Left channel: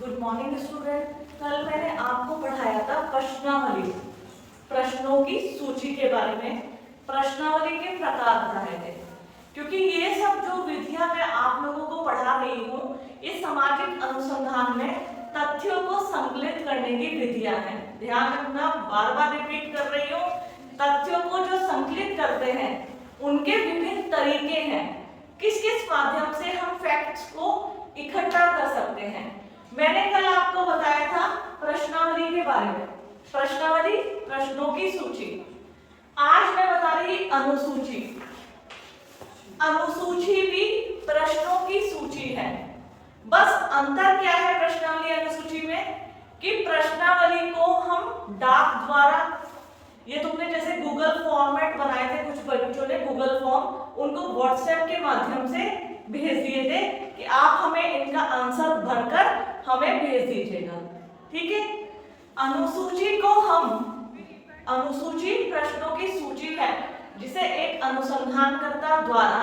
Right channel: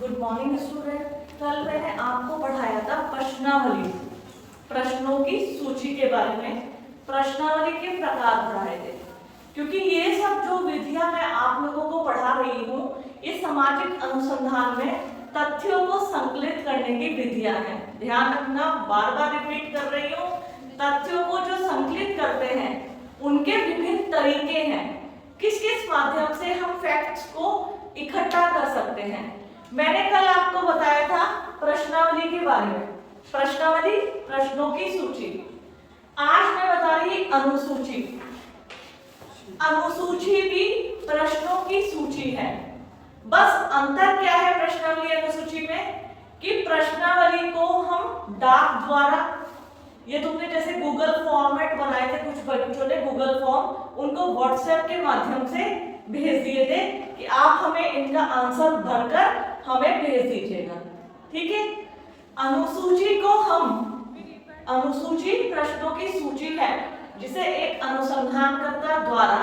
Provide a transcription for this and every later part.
Good morning student. कल मैंने आपको पढ़ाया था प्रश्नावली, प्रश्नों की सूची के बारे में। प्रश्नावली के प्रकार पढ़ाए थे, क्योंकि ये सब जो विधियां मैं आप लोगों को पढ़ा रही हूँ, इस सामाजिक अनुसंधान में तथ्यों को संकलित करने की विधियां हैं। ध्यान रखना, बार बार रिपीट कर रही हूँ। तथ्यों को जो संकलित करते हैं उनके विभिन्न तरीके हैं। किस किस माध्यम से हम फैक्ट्स को इकट्ठा कर सकते हैं। मैंने कल आपको बताया था प्रश्नावली के बारे में। प्रश्नावली प्रश्नों की सूची। आज मैं बता रही अनुसूची। अनुसूची भी प्रश्नों की सूची है। बस अंतर क्या है प्रश्नावली अनुसूची में कि प्रश्नावली को हम डाक द्वारा, ये तुमने जैसे गूगल फॉर्मेट बनाए थे, कुछ बच्चों ने गूगल फॉर्म उनको व्हाट्सएप के माध्यम से भेज दिए थे कि आप हमें इनका आंसर भरकर हमें भेज दीजिएगा। ठीक है। अनुसूची को हम, अनुसूची प्रश्नों की सूची है जिसे एक अनुसंधानकर्ता द्वारा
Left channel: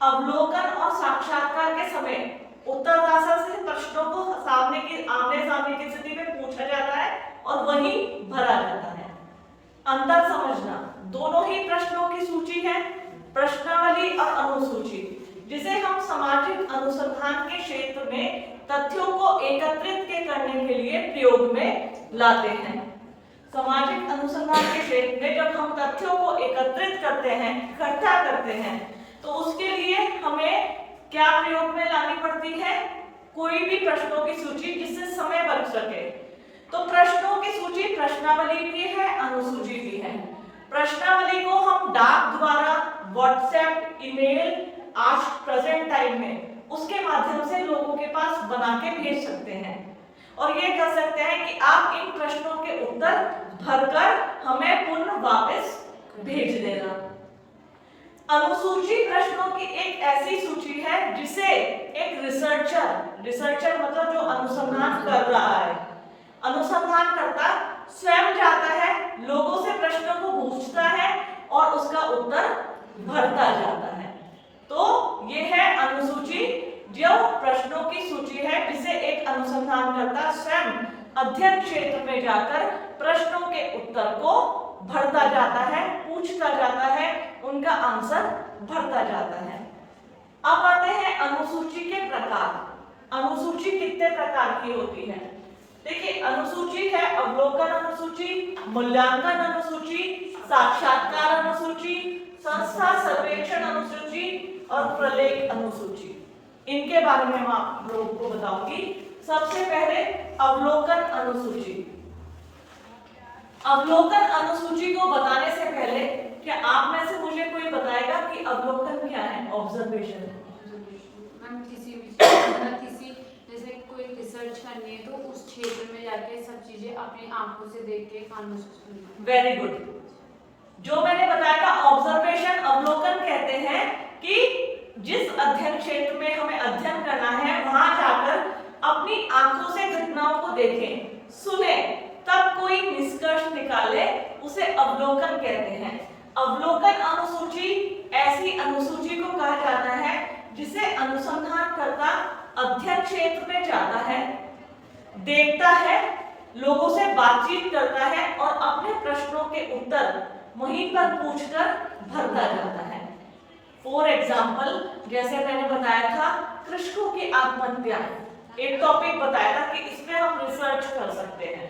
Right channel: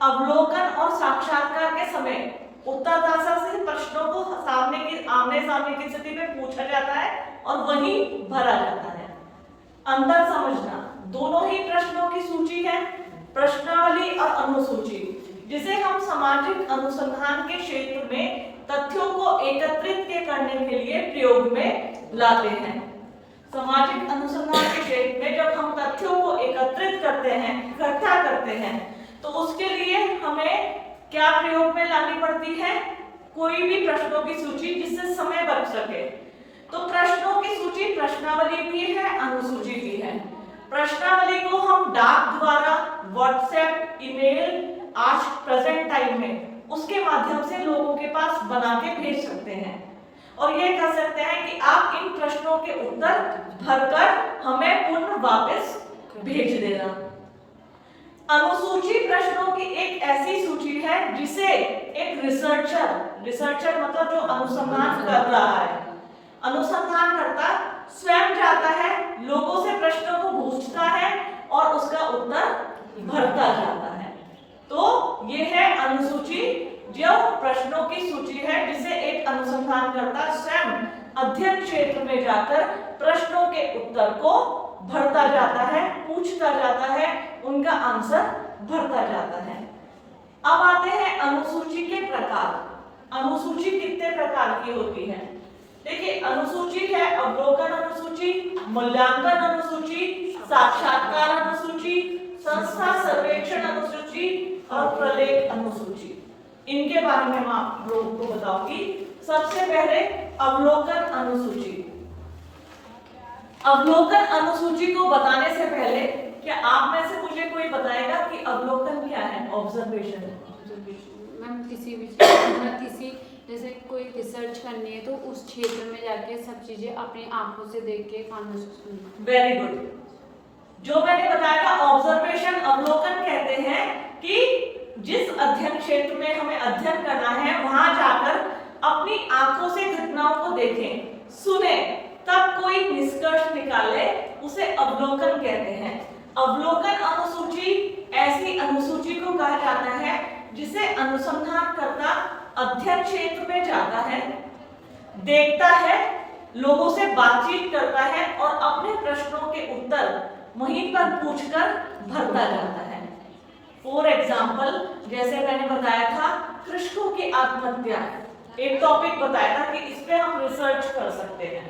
अवलोकन और साक्षात्कार के समय उत्तरदाता से प्रश्नों को आमने सामने की स्थिति में पूछा जाता है और वही भरा जाता है। अंतर समझना, दोनों ही प्रश्नों की सूची है, प्रश्नावली और अनुसूची, जिसे हम सामाजिक अनुसंधान के क्षेत्र में तथ्यों को एकत्रित करने के लिए प्रयोग में लाते हैं। सामाजिक अनुसंधान के क्षेत्र में जब हम तथ्यों को एकत्रित करते हैं, इकट्ठा करते हैं, तो उसके लिए हमें क्या प्रयोग में लानी पड़ती है? कोई भी प्रश्नों की सूची जिससे समय बच सके। तो प्रश्नों की सूची प्रश्नावली भी है, अनुसूची भी है। प्रश्नावली को हम डाक द्वारा, व्हाट्सएप, ईमेल, आज प्रेजेंट टाइम में उसके माध्यम से लोगों के पास बना के भेज सकते हैं और ये कह सकते हैं कि आप इन प्रश्नों के उत्तर भरकर हमें पुनः वापस भेज देना। अनुसूची प्रश्नों की एक ऐसी सूची है जिसे एक रिसर्चर मतलब जो अनुसंधान कर रहा है, अनुसंधानकर्ता स्वयं जाता है, लोगों से प्रश्नों को पूछता है और उसका उत्तर भरता जाता है। तो ये है अनुसूची, जो प्रश्नों की सूची है जिसे एक अनुसंधानकर्ता स्वयं अध्ययन क्षेत्र में जाकर प्रश्नों के उत्तर को भरता जाता है, पूछता जाता है, उनका आंसर भरता जाता है। अब आते हैं अनुसूची के प्रकार। अनुसूची कितने प्रकार की होती है? देखिए, अनुसूची है अवलोकन अनुसूची, मूल्यांकन अनुसूची, साक्षात्कार अनुसूची, संस्था सर्वेक्षण अनुसूची और प्रलेख अनुसूची। इनके बारे में मैं आप लोगों को बताऊंगी। सबसे पहले अवलोकन अनुसूची। अवलोकन अनुसूची को बताने से पहले क्या आप में से मुझे कोई बताएगा कि अवलोकन क्या है? ऑब्जर्वेशन। किसी जैसे कोई रिसर्च करनी है तो उस क्षेत्र में जाके सब चीजें अपनी आंखों से देख के कानों से सुनना। Very good. जो मैंने बताया था ऑब्जर्वेशन, अवलोकन कहते हैं कि जिस अध्ययन क्षेत्र में हमें अध्ययन करना है वहां जाकर अपनी आंखों से घटनाओं को देखें, सुने, तब कोई निष्कर्ष निकाले, उसे अवलोकन कहते हैं। अवलोकन अनुसूची ऐसी अनुसूची को कहा जाता है जिसे अनुसंधानकर्ता अध्ययन क्षेत्र में जाता है, देखता है, लोगों से बातचीत करता है और अपने प्रश्नों के उत्तर वहीं पर पूछकर भरता जाता है। फॉर एग्जाम्पल, जैसे मैंने बताया था कृषकों की आत्महत्या, एक टॉपिक बताया था कि इस पे हम रिसर्च कर सकते हैं।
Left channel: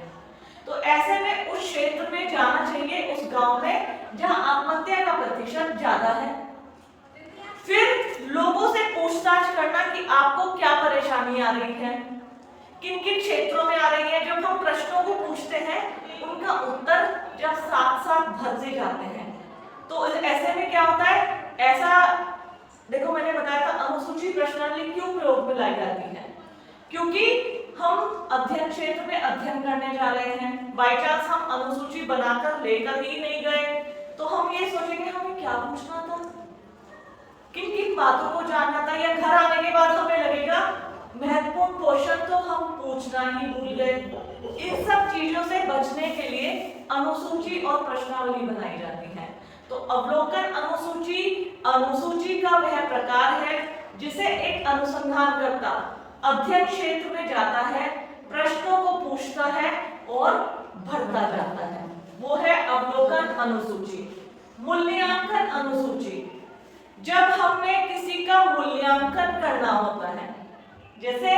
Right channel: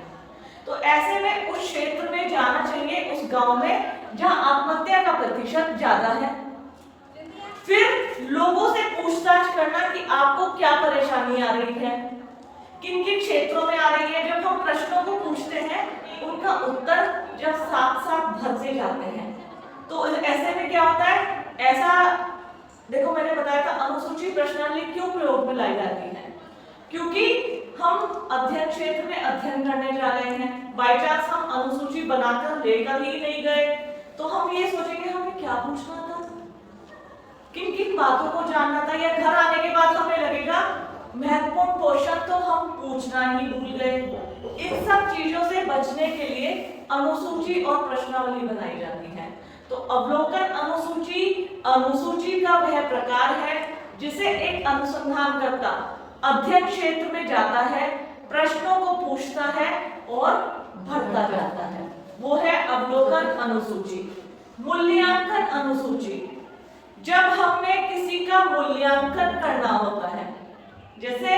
तो ऐसे में उस क्षेत्र में जाना चाहिए, उस गांव में जहां आत्महत्या का प्रतिशत ज्यादा है। फिर लोगों से पूछताछ करना कि आपको क्या परेशानी आ रही है, किन किन क्षेत्रों में आ रही है। जब हम प्रश्नों को पूछते हैं, उनका उत्तर जब साथ साथ भरते जाते हैं, तो ऐसे में क्या होता है? ऐसा देखो, मैंने बताया था अनुसूची प्रश्नावली क्यों प्रयोग में लाई जाती है, क्योंकि हम अध्ययन क्षेत्र में अध्ययन करने जा रहे हैं। बाई चांस हम अनुसूची बनाकर लेकर ही नहीं गए तो हम ये सोचेंगे हमें क्या पूछना था, किन किन बातों को जानना था, या घर आने के बाद हमें लगेगा महत्वपूर्ण क्वेश्चन तो हम पूछना ही भूल गए। इन सब चीजों से बचने के लिए अनुसूची और प्रश्नावली बनाई जाती है। तो अवलोकन अनुसूची, अनुसूची का वह प्रकार है जिसे एक अनुसंधानकर्ता अध्ययन क्षेत्र में जाता है, प्रश्नों को पूछता है और भरता जाता है, वो है अवलोकन अनुसूची। मूल्यांकन अनुसूची, जब हमें किसी का मूल्यांकन करना होता है, जैसे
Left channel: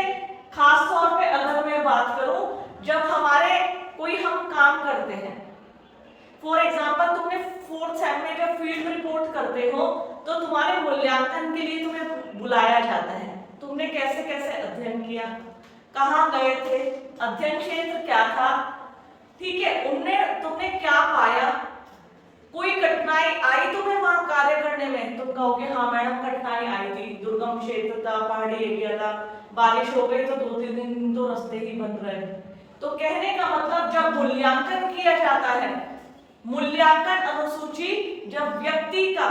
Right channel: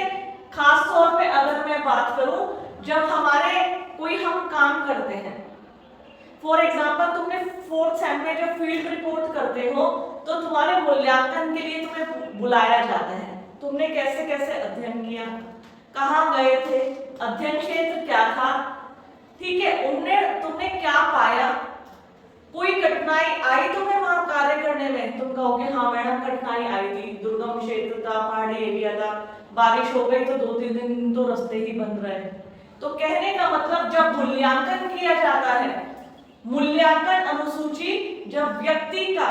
खास तौर पे अगर मैं बात करूं, जब हमारे कोई हम काम करते हैं, फॉर एग्जाम्पल तुमने 4th सेम में जब फील्ड रिपोर्ट करते हो तो तुम्हारे मूल्यांकन के लिए तुम्हें बुलाया जाता है। तुमने कैसे कैसे अध्ययन किया, कहाँ गए थे, अध्ययन क्षेत्र क्या था, ठीक है, तुमने क्या पाया, कोई कठिनाई आई तुम्हें वहां कार्य करने में, तुम कहोगे हाँ मैडम कठिनाई आई थी, दुर्गम क्षेत्र था, पहाड़ी एरिया था, बारिश हो गई तो 2-3 दिन तो रास्ते ही बंद रहे। तो कहने का मतलब जब मूल्यांकन किया जाता है, मूल्यांकन अनुसूची जब व्यक्ति का,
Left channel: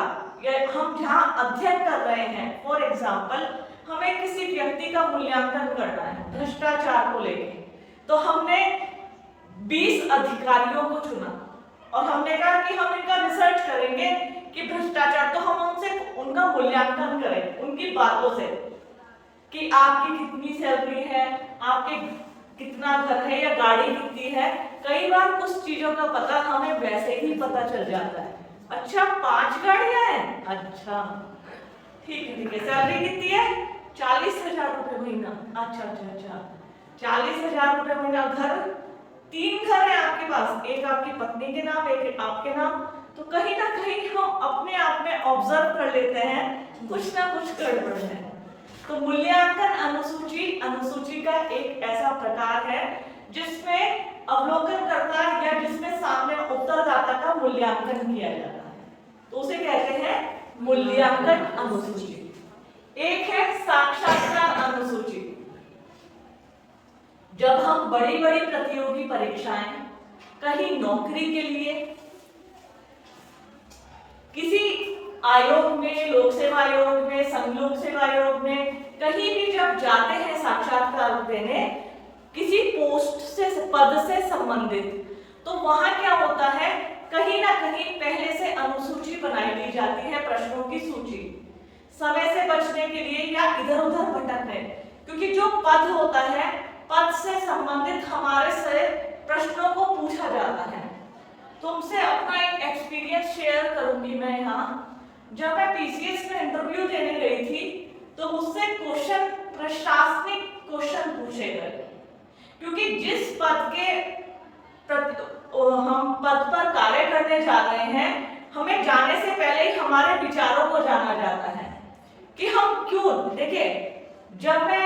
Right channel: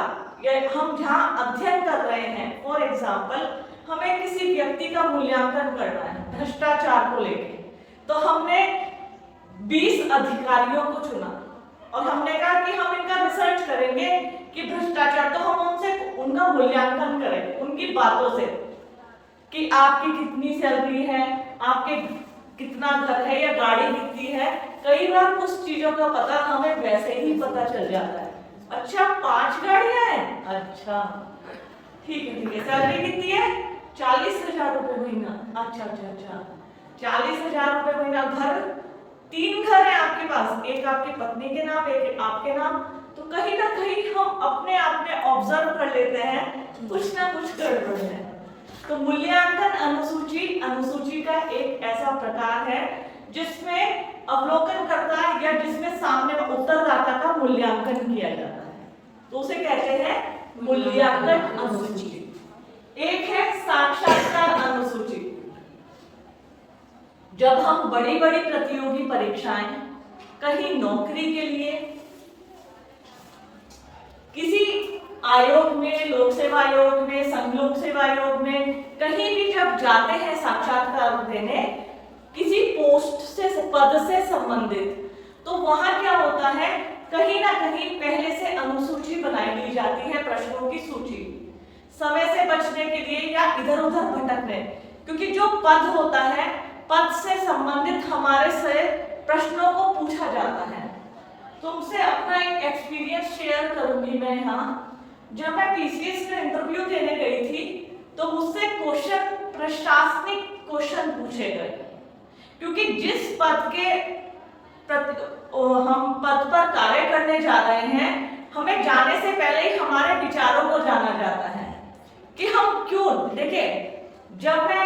हम जहां अध्ययन कर रहे हैं, फॉर एग्जाम्पल हमें किसी व्यक्ति का मूल्यांकन करना है भ्रष्टाचार को लेके, तो हमने 20 अधिकारियों को चुना और हमने कहा कि हम इनका रिसर्च करेंगे कि भ्रष्टाचार, तो हम उनसे उनका मूल्यांकन करें उनकी बातों से कि आपकी कितनी सैलरी है, आपके कितना घर है या गाड़ी कितनी है। कई बार कुछ चीजों का पता हमें वैसे ही पता चल जाता है, अच्छा 5 गाड़ियां हैं, अच्छा ठीक है, सैलरी कितनी है 40,000 रुपए महीना, अच्छा 40,000 रुपए महीना, घर 3 घर है आपके पास, एक आपकी पत्नी के नाम, एक आपके नाम, तो कहीं ना कहीं हम अपने आप में ऑब्जर्व कर लेते हैं कुछ ना कुछ गड़बड़ है। तो मूल्यांकन अनुसूची का एक ऐसा प्रकार है जिसमें अवलोकन करता है या जिसमें सामने उत्तरदाता का मूल्यांकन किया जाता है, तो उसे कहते हैं मूल्यांकन अनुसूची। एक है साक्षात्कार अनुसूची, जब हम बड़ी बड़ी प्रतियोगी परीक्षाएं, कहीं नौकरी के लिए, किसी आयोग में, लोक सेवा आयोग में, संघ लोक सेवा आयोग में, कहीं भी जब जाते हैं साक्षात्कार देने किसी पोस्ट से, पद से संबंधित, तो वहां क्या होता है, कहीं ना कहीं पहले से अनुसूची बनाई दी जाती है, प्रश्नों की सूची, समय से बचने के लिए या इधर उधर भटकने, क्योंकि जो पद होता है, पद से संबंधित हमारे से प्रश्नों को पूछा जाता है। तुमसे अपना एक एक्सपीरियंस शेयर करूंगी मैं यहाँ। जब मैं पीसीएस में इंटरव्यू देने गई थी तो मुझसे क्वेश्चन, प्रशासनिक क्वेश्चन पूछे गए, क्योंकि जिस पद के हम पद पर कार्य करने जा रहे हैं, हमें जाने से पहले ही हमारे विचारों को जाना जाता है कि हम क्यों, देखिए जब मैं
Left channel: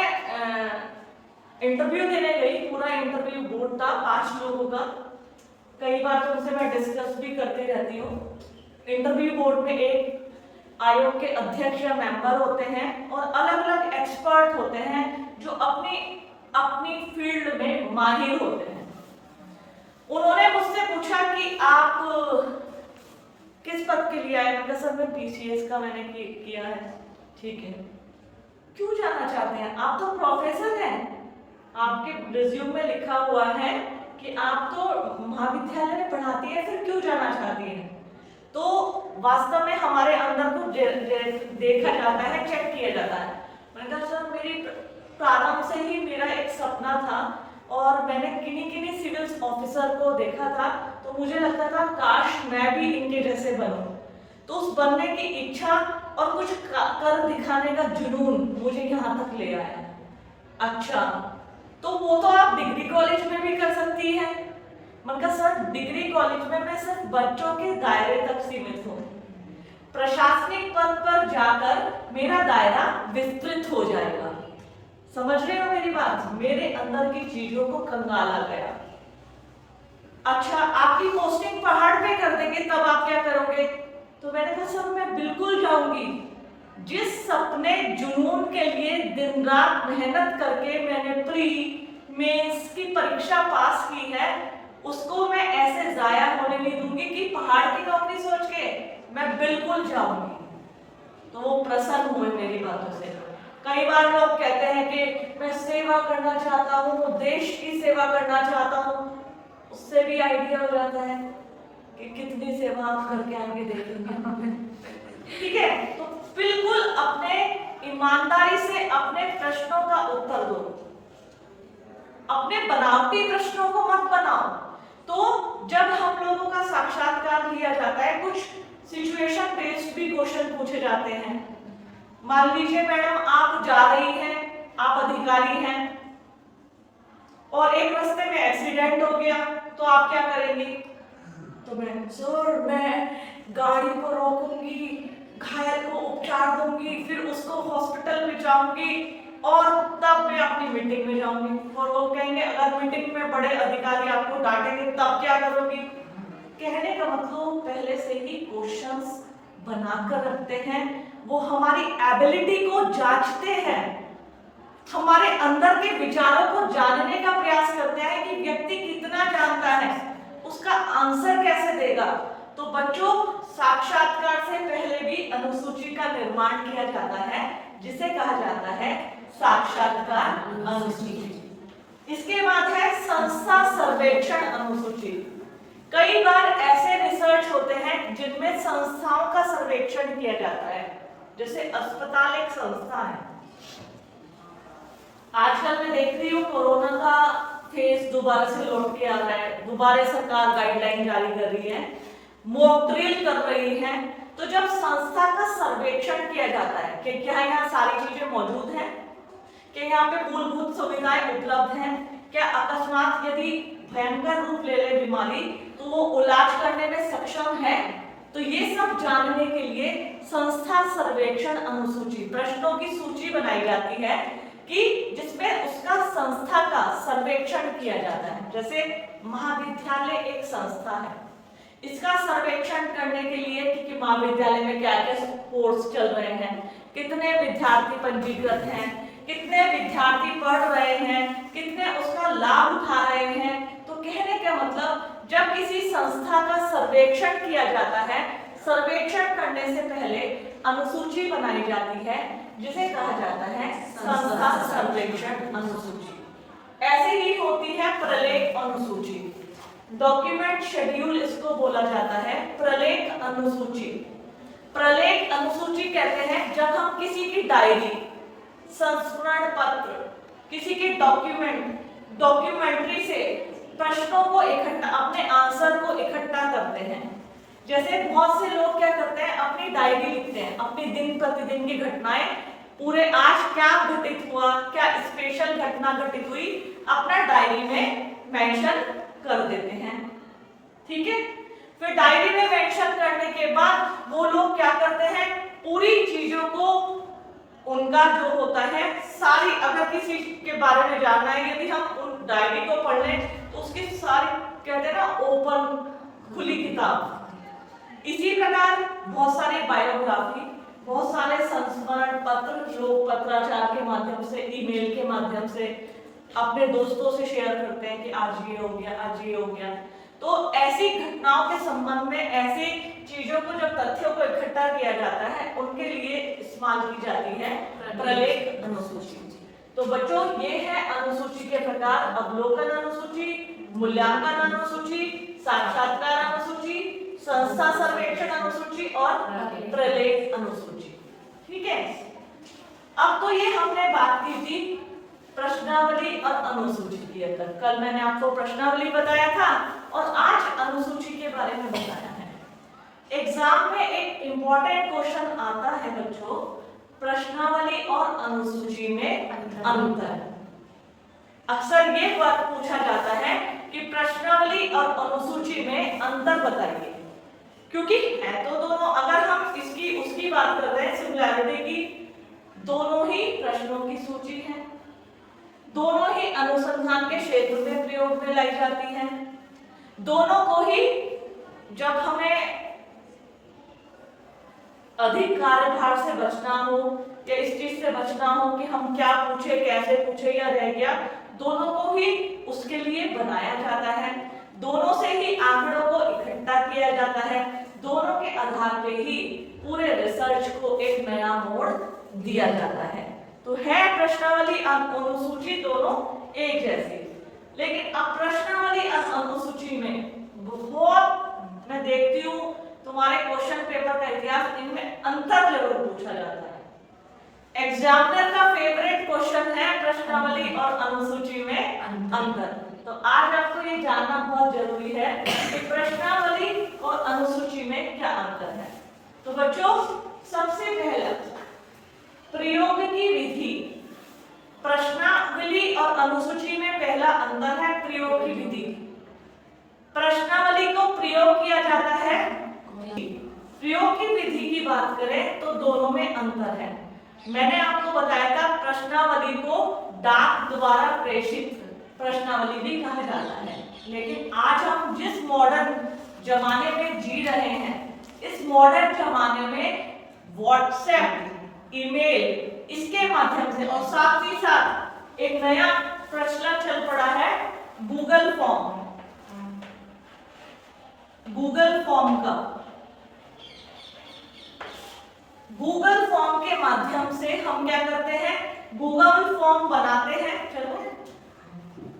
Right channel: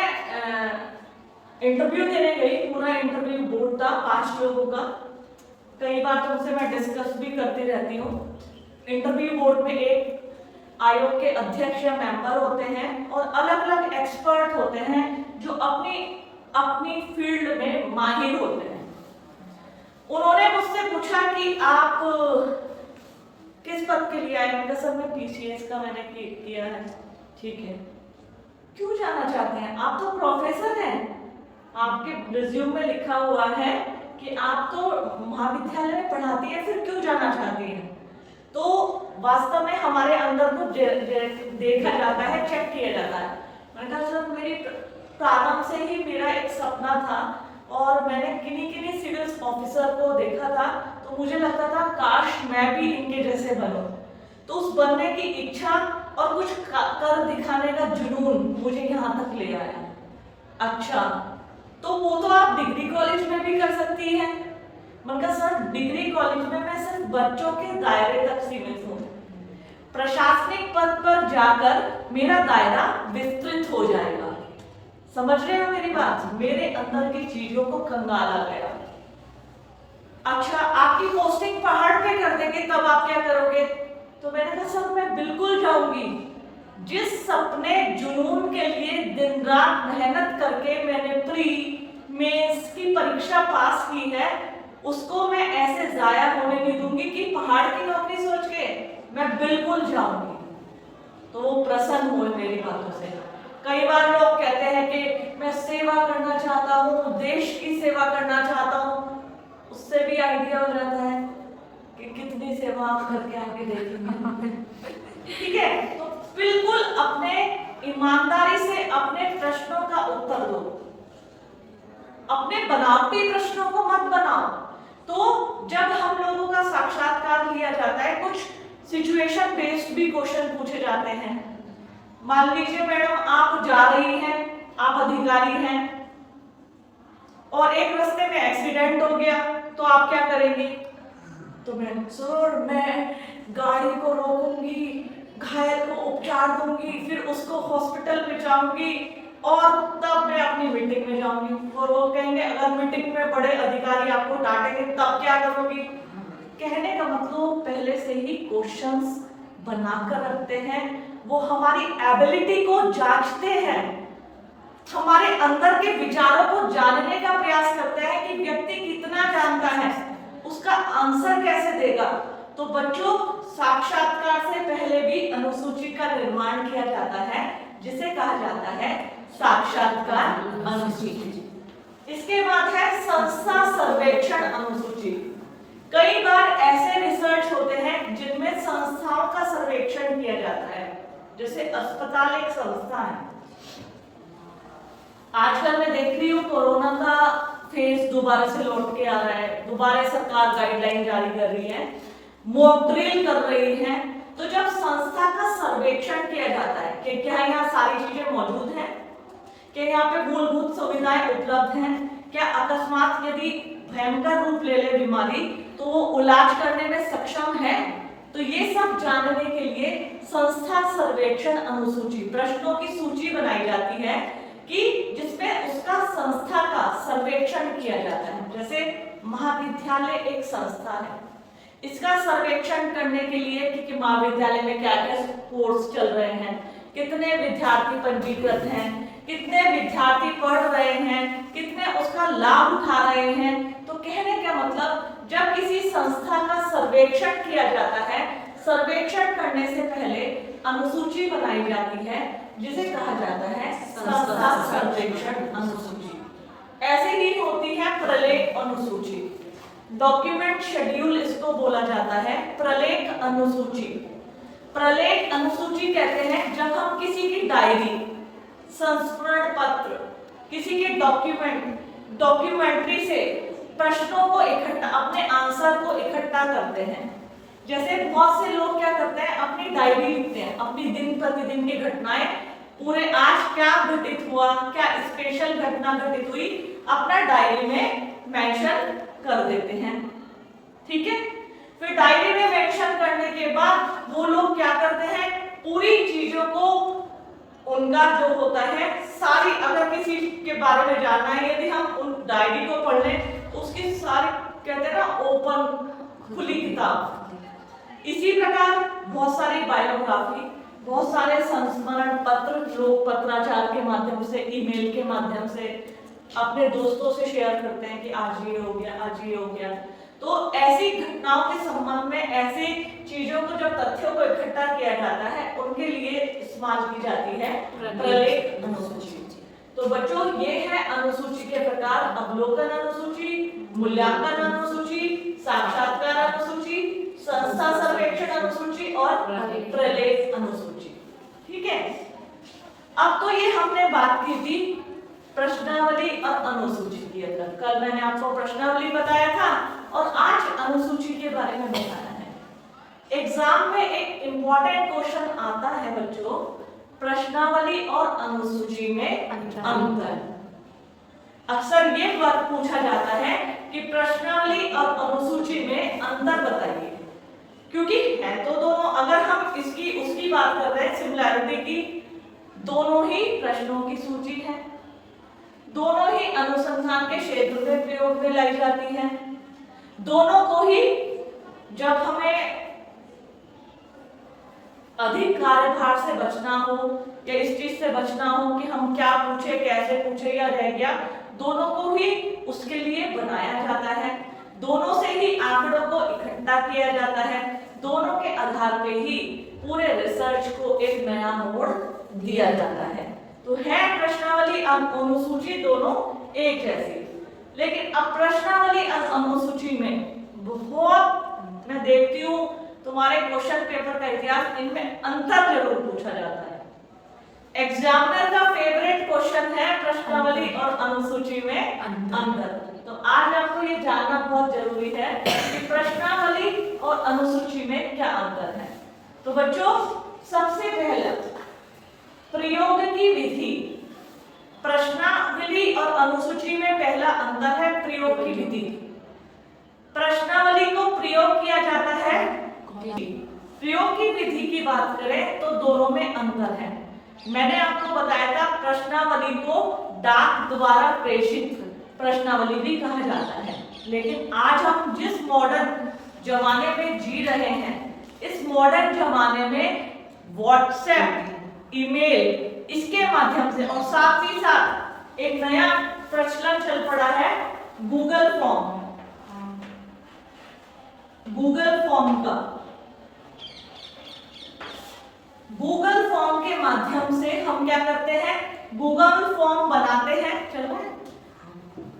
इंटरव्यू देने गई, पूरा इंटरव्यू बोर्ड था 5 लोगों का, कई बार तुमसे मैं डिस्कस भी करती रहती हूँ। इंटरव्यू बोर्ड में एक आयोग के अध्यक्ष या मेंबर होते हैं और अलग अलग एक्सपर्ट होते हैं जो अपनी फील्ड में माहिर होते हैं। उन्होंने मुझसे पूछा कि आप किस पद के लिए आए, मैंने सर मैं पीसीएस का मैंने किया है, ठीक है, क्यों जाना चाहते हैं, आप तो प्रोफेसर हैं, आपके रिज्यूम में लिखा हुआ है कि आप तो महाविद्यालय में पढ़ाती है, फिर क्यों जाना चाहती हैं। तो वास्तव में हमारे अंदर को देखा जाता है, चेक किया जाता है। मैंने कहा सर मेरी प्रारंभ से ही मेरा एक सपना था और मैंने किन्हीं सिविल ऑफिसर को देखा था, तो मुझे लगता था काश मैं भी इनके जैसे बनूं। तो उस बनने की इच्छा और कुछ कर दिखाने का जुनून मुझे यहाँ तक ले आया। अच्छा, तो वो तो आप डिग्री कॉलेज में भी कर सकती हैं। मैंने कहा सर डिग्री कॉलेज में मैं सिर्फ बच्चों के दायरे तक सीमित हूँ, प्रशासनिक पद पर जाकर मेरा दायरा विस्तृत हो जाएगा। समझ रहे हो मेरी बात, मेरे अंदर की चीजों को कंगाला गया। अच्छा, आपकी पोस्टिंग पहाड़ पे कर देंगे तब आप क्या करोगे, तो मैंने कहा सर मैं बिल्कुल जाऊंगी। जिस सपने जुनून के लिए दिन रात मेहनत करके मैंने प्री मेंस की परीक्षा पास की है, उसको मैं ऐसे जाया होने नहीं दूंगी कि पहाड़ की नौकरी सोच के मैं बिल्कुल जाऊंगी। तो वो प्रसन्न हुए मेरी बातों से। कई बार लोग कहते हैं कि मैं सेवा करना चाहता हूँ, देश की सेवा करना चाहता हूँ, उससे भी आइडिया हो जाता है कि कितनी सेवा आप करके आएंगे देखेंगे। ठीक है, तो बिल्कुल अपने ईमानदारी से अपने प्रश्नों का उत्तर दो, अपने बनावटी प्रश्नों को मत बनाओ। तो जब हम लोगों का साक्षात्कार लिया जाता है, कुछ सिचुएशन बेस्ड भी क्वेश्चन पूछे जाते हैं। मान लीजिए मैडम आप जा रही हैं, आप अधिकारी हैं और एक रास्ते में एक्सीडेंट हो गया, तो आप क्या करेंगे? तो मैं गाड़ी को रोकूंगी, घायल को उपचार दूंगी, फिर उसको हॉस्पिटल में जाऊंगी और तब मैं अपनी मीटिंग में जाऊंगी। और वो कहेंगे अगर मीटिंग में बड़े अधिकारी आपको डांटेंगे तब क्या करोगी? कहने का मतलब पहले से ही क्वेश्चंस बनाकर रखते हैं। वो हमारी एबिलिटी को जांचते हैं, हमारे अंदर के विचारों को जानने का प्रयास करते हैं कि व्यक्ति कितना जानता है, उसका आंसर कैसे देगा। तो बच्चों, साक्षात्कार से पहले भी अनुसूची का निर्माण किया जाता है, जिसे कहा जाता है साक्षात्कार अनुसूची। इसके बाद है संस्था सर्वेक्षण अनुसूची। कई बार ऐसे रिसर्च होते हैं जिनमें संस्थाओं का सर्वेक्षण किया जाता है, जैसे अस्पताल एक संस्था है। आजकल मैं देख रही हूँ कोरोना का फेज दोबारा से लौट के आ रहा है, दोबारा सरकार गाइडलाइन जारी कर रही है, मॉक ड्रिल कर रही है। तो जब संस्था का सर्वेक्षण किया जाता है कि क्या यहाँ सारी चीजें मौजूद हैं, कि यहाँ पे मूलभूत सुविधाएं उपलब्ध हैं, क्या अकस्मात यदि भयंकर रूप ले ले बीमारी तो वो इलाज करने में सक्षम है, तो ये सब जानने के लिए संस्था सर्वेक्षण अनुसूची, प्रश्नों की सूची बनाई जाती है कि जिसमें उसका संस्था का सर्वेक्षण किया जाता है। जैसे महाविद्यालय एक संस्था है, इसका सर्वेक्षण करने के लिए कि महाविद्यालय में क्या क्या कोर्स चल रहे हैं, कितने विद्यार्थी पंजीकृत हैं, कितने विद्यार्थी पढ़ रहे हैं, कितने उसका लाभ उठा रहे हैं। तो कहने का मतलब जब किसी संस्था का सर्वेक्षण किया जाता है, सर्वेक्षण करने से पहले अनुसूची बनाई जाती है, जिसे कहा जाता है संस्था सर्वेक्षण अनुसूची। ऐसी ही होती है प्रलेख अनुसूची, डॉक्यूमेंट शेड्यूल इसको बोला जाता है। प्रलेख अनुसूची, प्रलेख अनुसूची कहते हैं जब हम किसी की डायरी, संस्मरण पत्र, किसी के डॉक्यूमेंट्री से प्रश्नों को इकट्ठा, अपने आंसर को इकट्ठा करते हैं। जैसे बहुत से लोग क्या करते हैं, अपनी डायरी लिखते हैं, अपनी दिन प्रतिदिन की घटनाएं, पूरे आज क्या घटित हुआ, क्या स्पेशल घटना घटित हुई, अपना डायरी में मेंशन कर देते हैं। ठीक है, फिर डायरी में मेंशन करने के बाद वो लोग क्या करते हैं, पूरी चीजों को, उनका जो होता है सारी, अगर किसी के बारे में जानना है, यदि हम उन डायरी को पढ़ लें तो उसकी सारी, कहते हैं ना, ओपन खुली किताब। इसी प्रकार बहुत सारी बायोग्राफी, बहुत सारे संस्मरण पत्र लोग पत्राचार के माध्यम से, ईमेल के माध्यम से अपने दोस्तों से शेयर करते हैं कि आज ये हो गया, आज ये हो गया। तो ऐसी घटनाओं के संबंध में, ऐसी चीजों को, जब तथ्यों को इकट्ठा किया जाता है, उनके लिए इस्तेमाल की जाती है प्रलेख अनुसूची। तो बच्चों, ये है अनुसूची के प्रकार: अवलोकन अनुसूची, मूल्यांकन अनुसूची, साक्षात्कार अनुसूची, संस्था सर्वेक्षण अनुसूची और प्रलेख अनुसूची। ठीक है, अब तो ये हमने बात की थी प्रश्नावली और अनुसूची की। कल मैंने आपको प्रश्नावली बताया था और आज अनुसूची के बारे में बताया है। एग्जाम में एक इंपॉर्टेंट क्वेश्चन आता है बच्चों, प्रश्नावली और अनुसूची में अंतर। अक्सर ये बात पूछा जाता है कि प्रश्नावली और अनुसूची में अंतर बताइए, क्योंकि है तो दोनों। अगर हम इसकी उसकी बात कर रहे हैं, सिमिलैरिटी की, दोनों ही प्रश्नों की सूची है, दोनों ही अनुसंधान के क्षेत्र में प्रयोग में लाई जाती है, दोनों को ही जब हमें अधिक कार्यभार से बचना हो या इस चीज से बचना हो कि हम क्या पूछे, कैसे पूछे या रह गया, दोनों को ही उसके लिए बनाया जाता है, दोनों से ही आंकड़ों को इकट्ठा किया जाता है, दोनों के आधार पे ही पूरे रिसर्च को एक नया मोड़ दिया जाता है। तो है प्रश्नावली और अनुसूची दोनों एक जैसी, लेकिन अब प्रश्नावली और अनुसूची में बहुत, मैं देखती हूँ तुम्हारे क्वेश्चन पेपर का इतिहास, इनमें अंतर जरूर पूछा जाता है। एग्जामिनर का फेवरेट क्वेश्चन है प्रश्नावली और अनुसूची में अंतर। तो आज आपको ये जानना बहुत जरूरी है कि प्रश्नावली और अनुसूची में क्या अंतर है। तो बच्चों, सबसे पहले प्रयोग की विधि। प्रश्नावली और अनुसूची में पहला अंतर है प्रयोग की विधि। प्रश्नावली को प्रयोग किया जाता है, प्रयोग की विधि की बात करें तो दोनों में अंतर है। मैंने आपको बताया था प्रश्नावली को डाक द्वारा प्रेषित प्रश्नावली भी कहा जाता है, लेकिन आज हम जिस मॉडर्न जमाने में जी रहे हैं, इस मॉडर्न जमाने में व्हाट्सएप, ईमेल, इसके माध्यम से, और साथ ही साथ एक नया प्रचलन चल पड़ा है गूगल फॉर्म, गूगल फॉर्म का। गूगल फॉर्म के माध्यम से हम क्या करते हैं, गूगल फॉर्म बनाते हैं। चलो,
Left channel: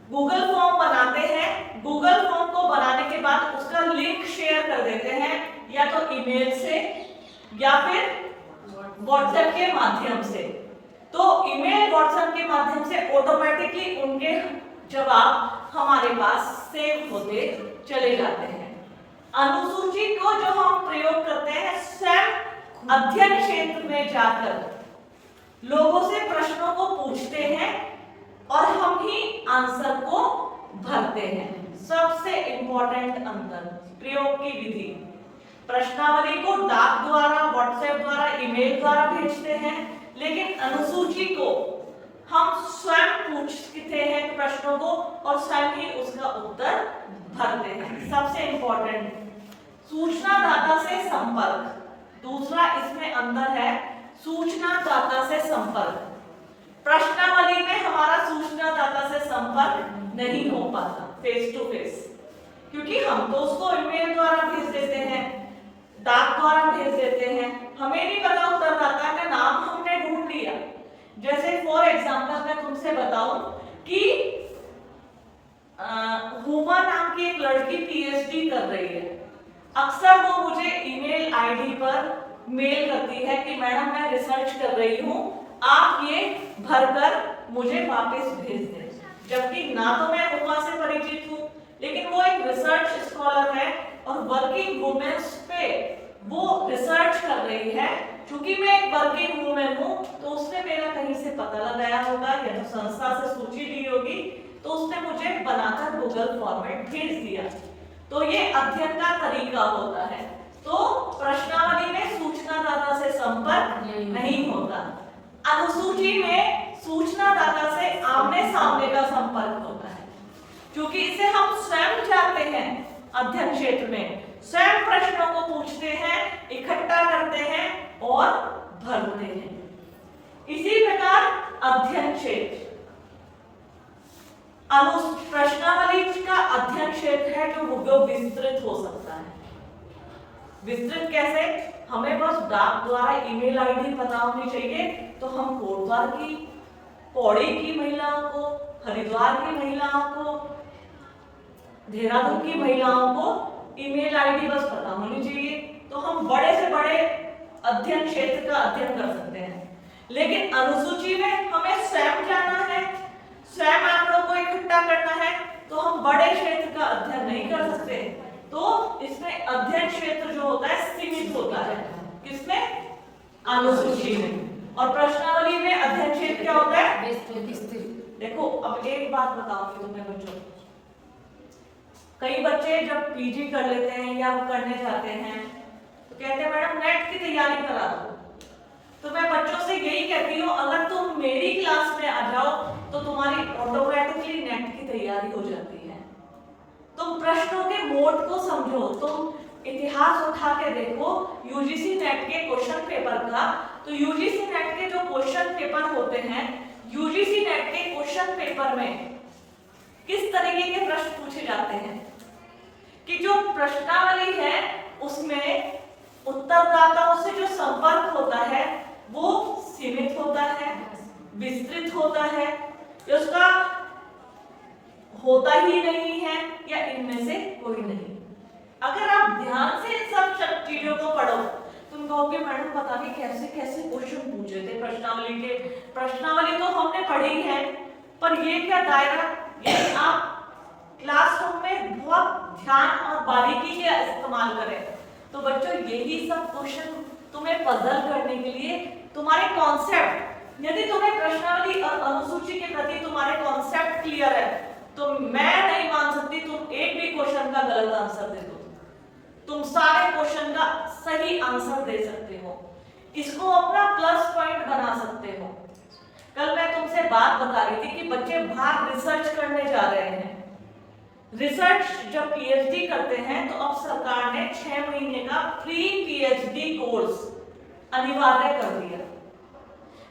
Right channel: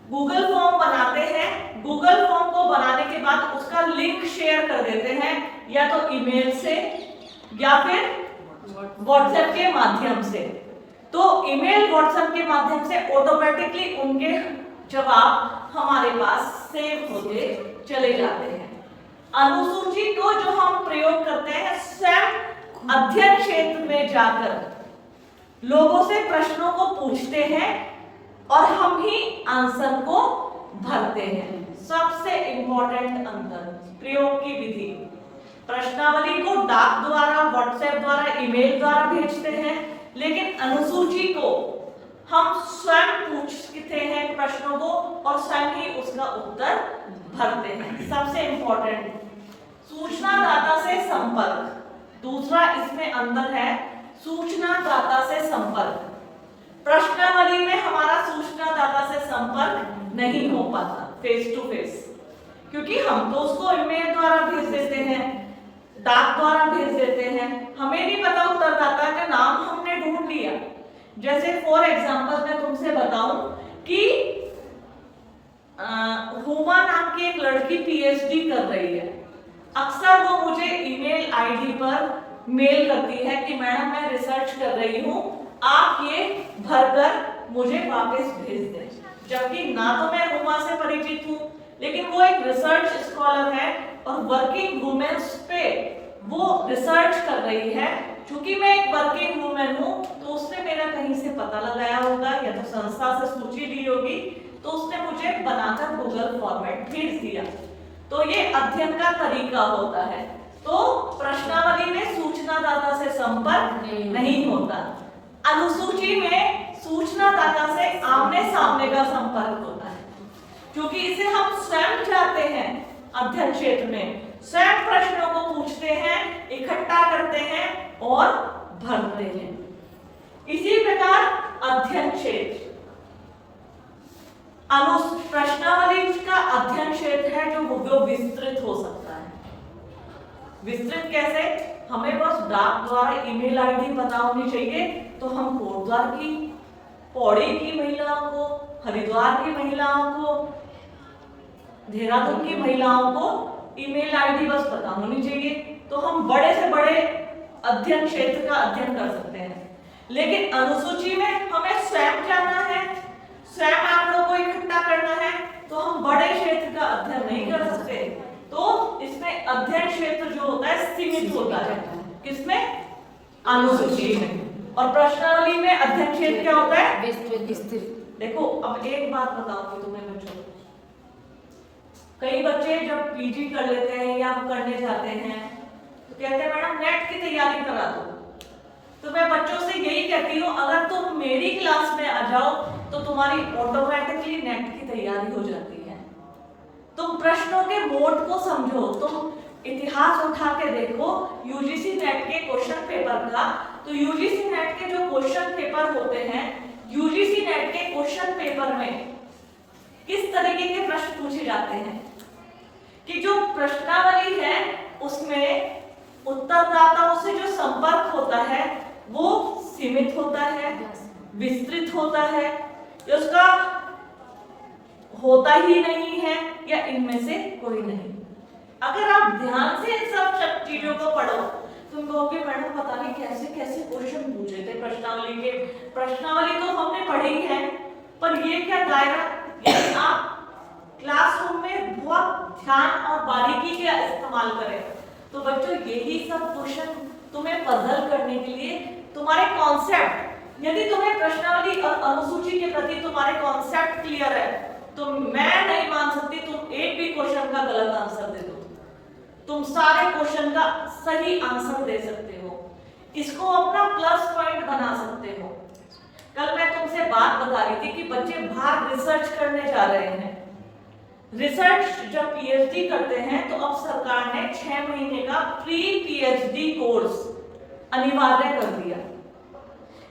गूगल फॉर्म बनाते हैं। गूगल फॉर्म को बनाने के बाद उसका लिंक शेयर कर देते हैं, या तो ईमेल से या फिर व्हाट्सएप के माध्यम से। तो ईमेल, व्हाट्सएप के माध्यम से ऑटोमेटिकली उनके जवाब हमारे पास सेव होते चले जाते हैं। अनुसूची को जो हम प्रयोग करते हैं, स्वयं अध्ययन क्षेत्र में जाकर लोगों से प्रश्नों को पूछते हैं और हम ही आंसर को भरते हैं। सबसे इंपॉर्टेंट अंतर प्रयोग की विधि। प्रश्नावली को डाक द्वारा, व्हाट्सएप द्वारा, ईमेल द्वारा भेजते हैं, लेकिन अनुसूची को हम स्वयं पूछते हैं प्रश्नों को और स्वयं ही उसका उत्तर भरते हैं। सबसे इंपॉर्टेंट सूचनादाता से संपर्क। दूसरा इसमें अंतर है सूचनादाता से संपर्क। प्रश्नावली में हमारा सूचनादाता से संपर्क नहीं हो पाता फेस टू फेस, क्योंकि हम तो उसको ईमेल द्वारा भेज देते हैं, डाक द्वारा भेज देते हैं, हमें नहीं पता उत्तरदाता का नाम हमने ढूंढ लिया। जैसे फॉर एग्जांपल मैं तुमसे बताऊं कि हुमा नाम की एक लड़की पीएचडी कर रही है। अक्सर वो मुझे ईमेल आईडी पर मेल करती है कि मैडम मैं रिसर्च कर रही हूँ, आप ये भरकर मुझे वापस भेज दें। जबकि ना तो मैं हुमा से परिचित हूँ, लेकिन वो एक रिसर्च स्कॉलर है और वर्किंग वुमेन्स पे वो रिसर्च कर रही है। चूंकि मैं एक वर्किंग वुमेन हूँ, तो उसने मेरा कहीं से पता लगाया होगा या तो संस्था से सूची ली होगी, तो उसने मुझे बनाकर गूगल फॉर्मेट भेज दिया। तो ये अध्ययन का तरीका होता है। तो प्रश्नावली में सूचनादाता से संपर्क नहीं होता। अनुसूची में सूचनादाता से आमने सामने का संपर्क होता है, क्योंकि इसे हम स्वयं जाते हैं अध्ययन क्षेत्र में, स्वयं प्रश्नों को पूछते हैं, इकट्ठा करते हैं और भरते हैं। इसी प्रकार अध्ययन क्षेत्र, प्रश्नावली का अध्ययन क्षेत्र है जो विस्तृत हो सकता है। विस्तृत कैसे? हमें बस डाक द्वारा ईमेल आईडी पता होनी चाहिए, तो हम कोटद्वार की, पौड़ी की महिलाओं को, हरिद्वार की महिलाओं को, देहरादून की महिलाओं को ईमेल आईडी बस पता होनी चाहिए, तो हम बड़े से बड़े अध्ययन क्षेत्र का अध्ययन कर सकते हैं। लेकिन अनुसूची में हमें स्वयं जानना है, स्वयं आंकड़ों को इकट्ठा करना है, तो हम बड़े क्षेत्र का अध्ययन नहीं कर सकते। तो इसमें अध्ययन क्षेत्र जो होता है सीमित होता है। किसमें? अनुसूची में। और प्रश्नावली में अध्ययन क्षेत्र क्या होता है? विस्तृत। देखो, अब एक बात बताऊंगी तुम्हें बच्चों, कई बच्चे जब पीजी कर लेते हैं या करने जाते हैं तो कहते हैं मैडम नेट की तैयारी करा दो। तो मैं बच्चों से यही कहती हूँ, अगर तुम मेरी क्लास में आ जाओ तो तुम्हारी ऑटोमेटिकली नेट की तैयारी हो जाती है। तुम प्रश्नों के मोड को समझो, तुम इतिहास उठा के देखो यूजीसी नेट के क्वेश्चन पेपर का। तो यूजीसी नेट के जो क्वेश्चन पेपर होते हैं, यूजीसी नेट के क्वेश्चन पेपर में किस तरीके के प्रश्न पूछे जाते हैं कि जो प्रश्नावली है उसमें उत्तरदाताओं से जो संपर्क होता है वो सीमित होता है, विस्तृत होता है, या उसका होता ही नहीं है, या इनमें से कोई नहीं। अगर आप ध्यान से इन सब चीजों को पढ़ो तुम कहोगे मैडम पता नहीं कैसे कैसे क्वेश्चन पूछे थे प्रश्नावली के। प्रश्नावली तो हमने पढ़ी है, पर ये क्या दायरा, यदि आप क्लासरूम में बहुत ध्यान और बारीकी से इस्तेमाल करें तो बच्चों यही सब क्वेश्चन तुम्हें पजल करने के लिए, तुम्हारे कॉन्सेप्ट, यदि तुम्हें प्रश्नावली और अनुसूची के प्रति तुम्हारे कॉन्सेप्ट क्लियर है तो मैं नहीं मान सकती तुम एक भी क्वेश्चन का गलत आंसर दे दो। तुम सारे क्वेश्चन का सही आंसर दे सकते हो, इसको अपना प्लस पॉइंट बना सकते हो। कल मैं तुमसे बात बता रही थी कि बच्चे बाहर रिसर्च करने जा रहे हैं। रिसर्च जब पीएचडी करते हैं तो अब सरकार ने 6 महीने का प्री पीएचडी कोर्स अनिवार्य कर दिया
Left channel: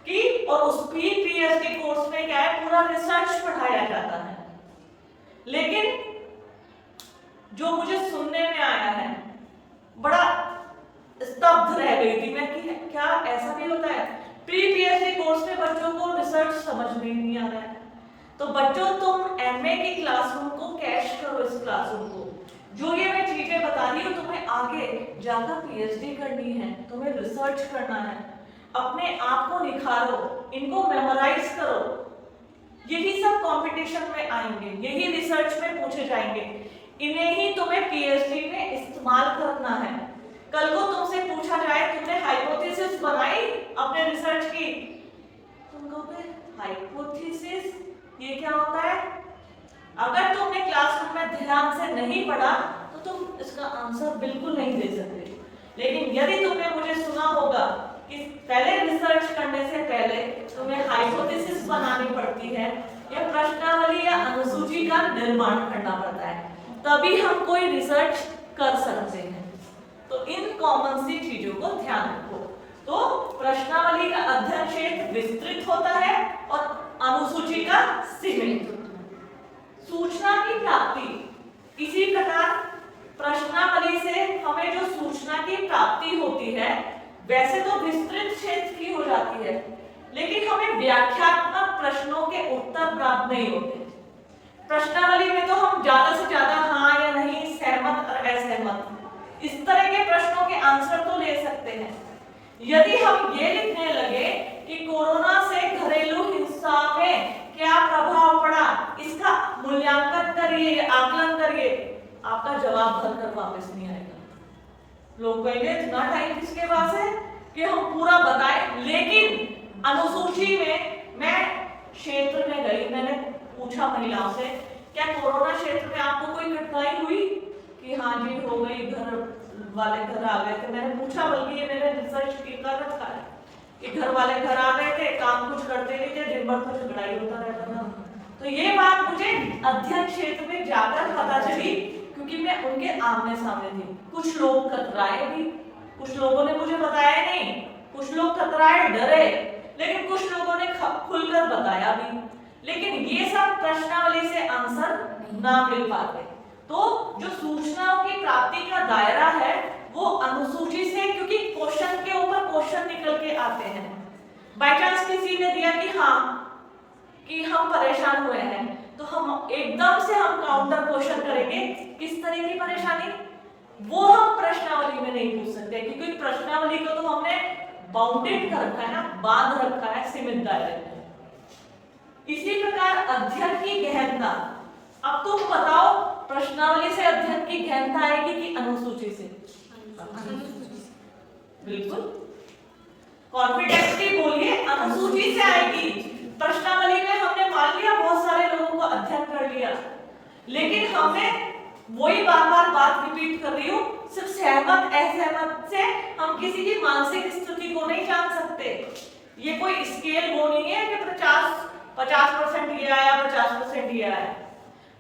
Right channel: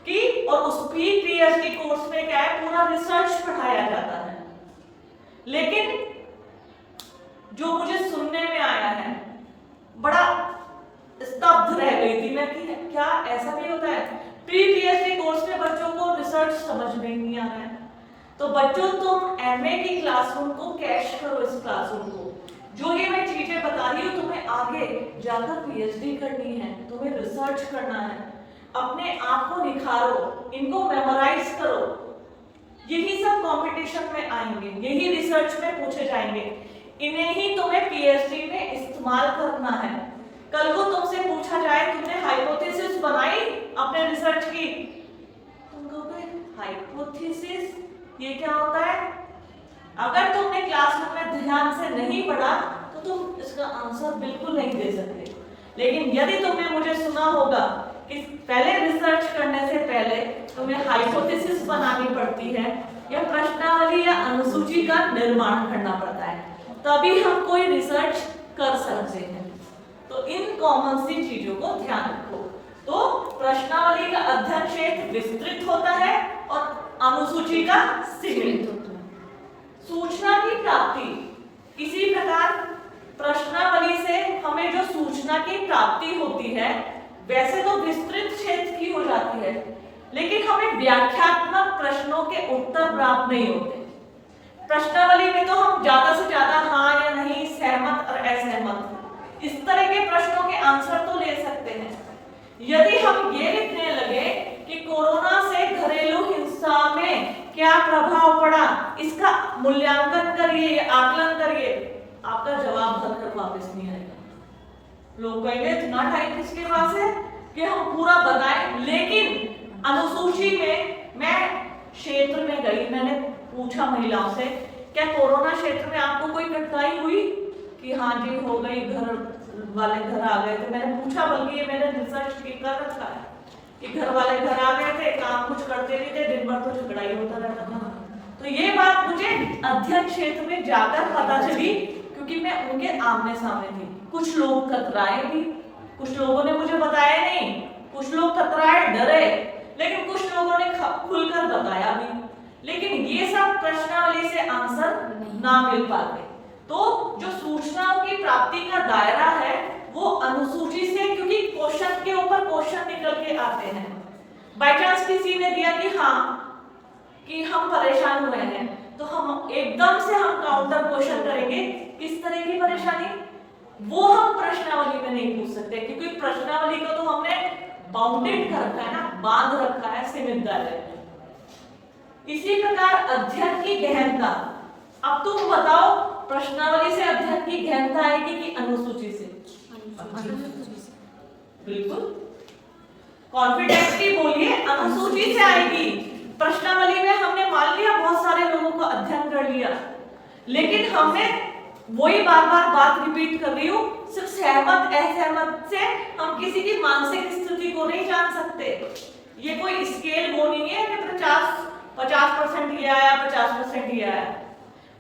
कि, और उस प्री पीएचडी कोर्स में क्या है, पूरा रिसर्च पढ़ाया जाता है। लेकिन जो मुझे सुनने में आया है, बड़ा स्तब्ध रह गई थी मैं कि क्या ऐसा भी होता है। प्री पीएचडी कोर्स में बच्चों को रिसर्च समझ में नहीं आ रहा है। तो बच्चों तुम एमए की क्लासरूम को कैश करो, इस क्लासरूम को। जो ये मैं चीजें बता रही हूँ तुम्हें आगे जाकर पीएचडी करनी है, तुम्हें रिसर्च करना है, अपने आप को निखारो, इनको मेमोराइज करो। यही सब कंपटीशन में आएंगे, यही रिसर्च में पूछे जाएंगे, इन्हें ही तुम्हें पीएचडी में इस्तेमाल करना है। कल को तुमसे पूछा जाए तुमने हाइपोथेसिस बनाई अपने रिसर्च की, तुम कहोगे हाइपोथेसिस ये क्या होता है। अगर तुमने क्लासरूम में ध्यान से नहीं पढ़ा तो तुम इसका आंसर बिल्कुल नहीं दे सकते। लेकिन यदि तुमने मुझे सुना होगा कि पहले रिसर्च करने से पहले तुम्हें हाइपोथेसिस बनानी पड़ती है या प्रश्नावली या अनुसूची का निर्माण करना पड़ता है, तभी हम कोई रिसर्च कर सकते हैं। तो इन कॉमन सी चीजों को ध्यान रखो। तो प्रश्नावली का अध्ययन क्षेत्र विस्तृत होता है और अनुसूची का सीमित। सूचना की प्राप्ति, इसी प्रकार प्रश्नावली से हमें जो सूचना की प्राप्ति होती है वैसे तो विस्तृत क्षेत्र की हो जाती है, लेकिन हमें व्याख्यात्मक प्रश्नों के उत्तर प्राप्त नहीं होते। प्रश्नावली में तो हम ज्यादा से ज्यादा हाँ या नहीं, सहमत और असहमत, इस तरह के प्रश्नों के आंसर तो ले सकते हैं। यदि हम ये लिखने लगे कि कोरोना से घरेलू हिंसा में क्या प्रभाव पड़ा, इसका मूल्यांकन करिए या आकलन करिए, आपका जवाब भरकर वापस नहीं आएगा। लोग कहेंगे इतना टाइम किसके पास है कि हम पूरा बताएं। लेकिन अनुसूची में मैं क्षेत्र में गई, मैंने पूछा महिलाओं से क्या कोरोना क्षेत्र में आपको कोई कठिनाई हुई, कि हाँ जी हो गई, घर वाले घर आ गए थे। मैंने पूछा, बल्कि ये मैंने रिसर्च कर रखा है कि घर वाले घर आ गए थे, काम कुछ करते नहीं थे, दिन भर तो झगड़ा ही होता रहता था। तो ये बात मुझे अध्ययन क्षेत्र में जाकर पता चली, क्योंकि मैं उनके आमने सामने थी। कुछ लोग कतराए भी, कुछ लोगों ने मुझे बताया नहीं, कुछ लोग कतराए डरे, लेकिन कुछ लोगों ने खुलकर बताया भी। लेकिन ये सब प्रश्नावली से आंसर ना मिल पाते। तो जो सूचनाओं की प्राप्ति का दायरा है वो अनुसूची से, क्योंकि क्वेश्चन के ऊपर क्वेश्चन निकल के आते हैं। बाय चांस किसी ने दिया कि हाँ कि हम परेशान हुए हैं, तो हम एकदम से हम काउंटर क्वेश्चन करेंगे। किस तरह की परेशानी, वो हम प्रश्नावली में नहीं पूछ सकते, क्योंकि प्रश्नावली को तो हमने बाउंडेड कर रखा है ना, बांध रखा है सीमित दायरे में। इसी प्रकार अध्ययन की गहनता, अब तुम बताओ प्रश्नावली से अध्ययन की गहनता आएगी कि अनुसूची से? बिल्कुल कॉन्फिडेंटली बोलिए, अनुसूची से आएगी। प्रश्नावली में हमने मान लिया बहुत सारे लोगों को अध्ययन कर लिया, लेकिन हमने वही बार बार बात रिपीट कर रही हूँ, सिर्फ सहमत असहमत से हम किसी की मानसिक स्थिति को नहीं जान सकते। ये कोई स्केल वो नहीं है कि 50% ये आया, 50% ये आया।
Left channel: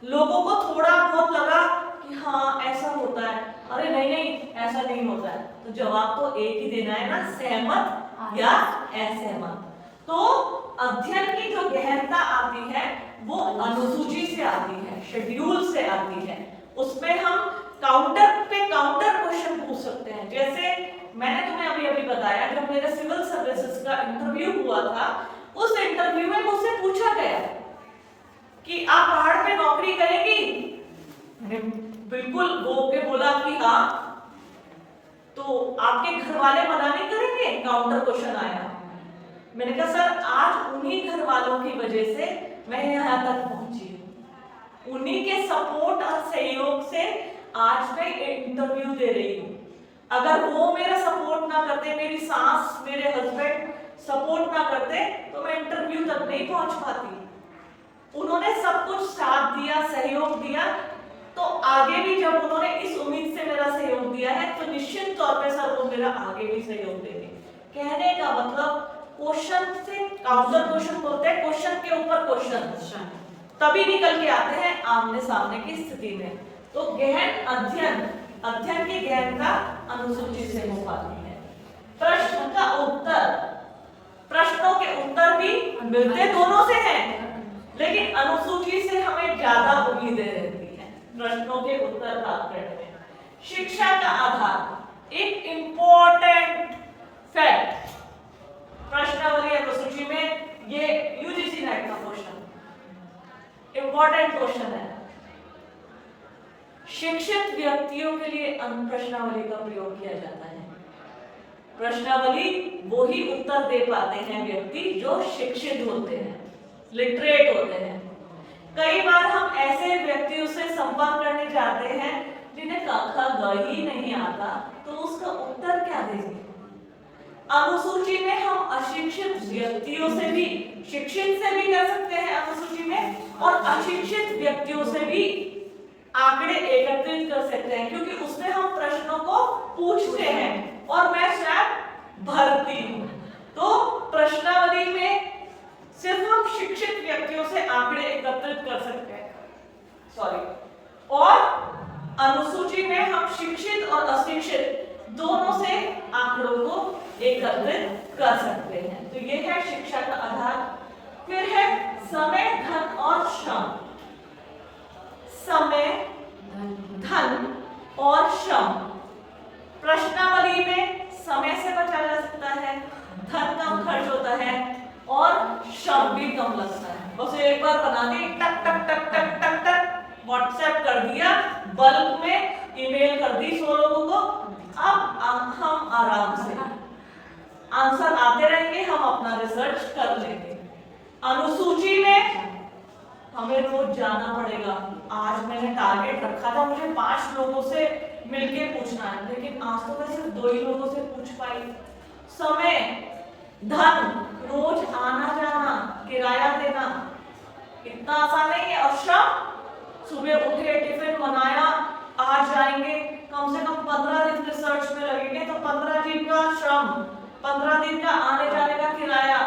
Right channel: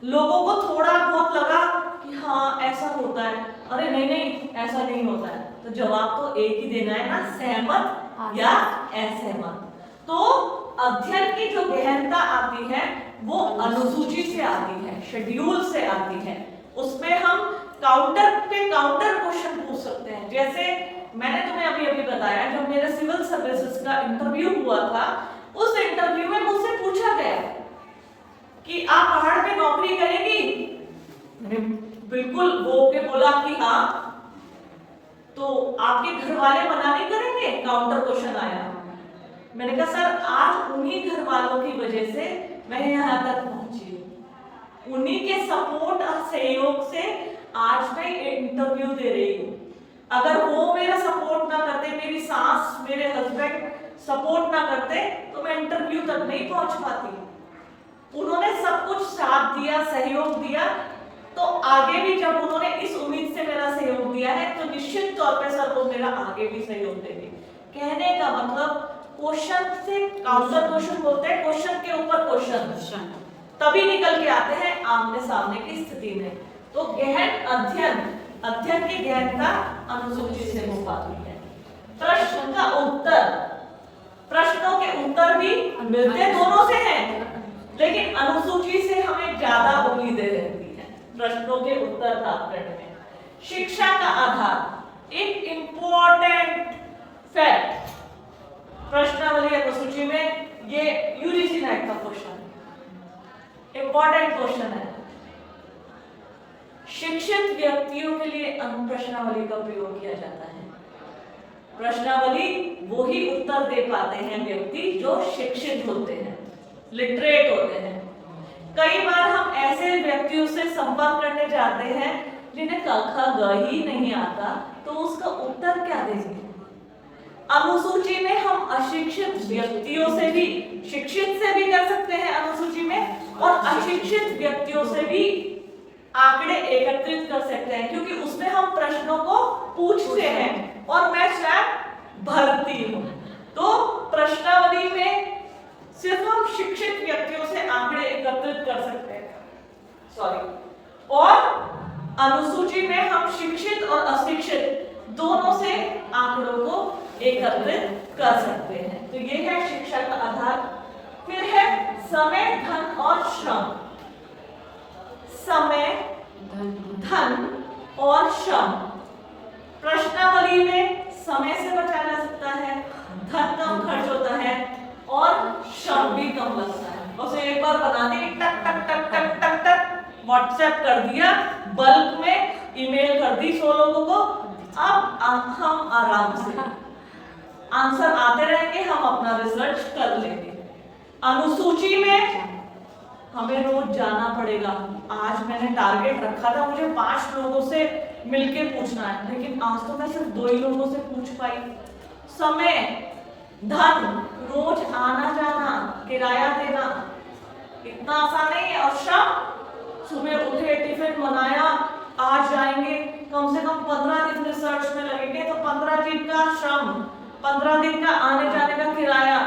लोगों को थोड़ा बहुत लगा कि हाँ ऐसा होता है, अरे नहीं नहीं ऐसा नहीं होता है, तो जवाब तो एक ही देना है ना, सहमत या असहमत। तो अध्ययन की जो गहनता आती है वो अनुसूची से आती है, शेड्यूल से आती है। उसमें हम काउंटर पे काउंटर क्वेश्चन पूछ सकते हैं। जैसे मैंने तुम्हें अभी अभी बताया, जब मेरे सिविल सर्विसेज का इंटरव्यू हुआ था, उस इंटरव्यू में मुझसे पूछा गया कि आप पहाड़ पे नौकरी करेंगी? मैंने बिल्कुल बोल के बोला कि हाँ। तो आपके घर वाले मना नहीं करेंगे, काउंटर क्वेश्चन आया। मैंने कहा सर आज उन्हीं घर वालों की वजह से मैं यहाँ तक पहुंची हूँ, उन्हीं के सपोर्ट और सहयोग से आज मैं इंटरव्यू दे रही हूँ। अगर वो मेरा सपोर्ट ना करते, मेरी सास मेरे हस्बैंड सपोर्ट ना करते तो मैं इंटरव्यू तक नहीं पहुंच पाती। उन्होंने सब कुछ साथ दिया, सहयोग दिया, तो आगे भी जब उन्होंने इस उम्मीद से मेरा सहयोग दिया है तो निश्चित तौर पे सर वो मेरा आगे भी सहयोग देंगे। कहने का मतलब क्वेश्चन से काउंटर क्वेश्चन बोलते हैं, क्वेश्चन के ऊपर क्वेश्चन तभी निकल के आते हैं आमने सामने की स्थिति में। तो गहन अध्ययन की गहनता अनुसूची से हो पाती है। प्रश्न का उत्तर, प्रश्नों के उत्तर भी मिलते दोनों से हैं, लेकिन अनुसूची से हमें ज्यादा उम्मीदें रहती हैं प्रश्नों के उत्तर प्राप्त में। शिक्षा का आधार, एक इंपॉर्टेंट फैक्ट, प्रश्नावली अनुसूची में ये यूजीसी नेट का क्वेश्चन, इंपॉर्टेंट क्वेश्चन है। शिक्षित व्यक्तियों के लिए प्रश्नावली का प्रयोग किया जाता है। प्रश्नावली वो ही उत्तर दे पाते हैं व्यक्ति जो शिक्षित होते हैं, लिटरेट होते हैं। कई बार हम ऐसे व्यक्तियों से संपर्क करने जाते हैं जिन्हें क ख ग ही नहीं आता, तो उसका उत्तर क्या देंगे? अनुसूची में हम अशिक्षित व्यक्तियों से भी, शिक्षित से भी कर सकते हैं अनुसूची में, और अशिक्षित व्यक्तियों से भी आंकड़े एकत्रित कर सकते हैं, क्योंकि उसमें हम प्रश्नों को पूछते हैं और मैं स्वयं भरती हूं। तो प्रश्नावली में सिर्फ हम शिक्षित व्यक्तियों से आंकड़े एकत्रित कर सकते हैं, और अनुसूची में हम शिक्षित और अशिक्षित दोनों से आंकड़ों को एकत्रित कर सकते हैं। तो ये है शिक्षा का आधार। फिर है समय, धन और श्रम। समय, धन और श्रम। प्रश्नावली में समय से बचा जा सकता है, धन कम खर्च होता है और श्रम भी कम लगता है। बस एक बार बना दी, टक टक टक टक टक टक व्हाट्सएप कर दिया, बल्क में ईमेल कर दी 100 लोगों को। अब हम आराम से आंसर आते रहेंगे, हम अपना रिसर्च कर लेंगे। अनुसूची में हमें रोज जाना पड़ेगा। आज मैंने टारगेट रखा था मुझे 5 लोगों से मिलके पूछना है, लेकिन आज तो मैं सिर्फ 2 ही लोगों से पूछ पाई। समय, धन, रोज आना जाना, किराया देना इतना आसान नहीं है। और श्रम, सुबह उठे, टिफिन बनाया, आज जाएंगे, कम से कम 15 दिन रिसर्च में लगेंगे, तो 15 दिन का श्रम, 15 दिन का आने जाने का किराया,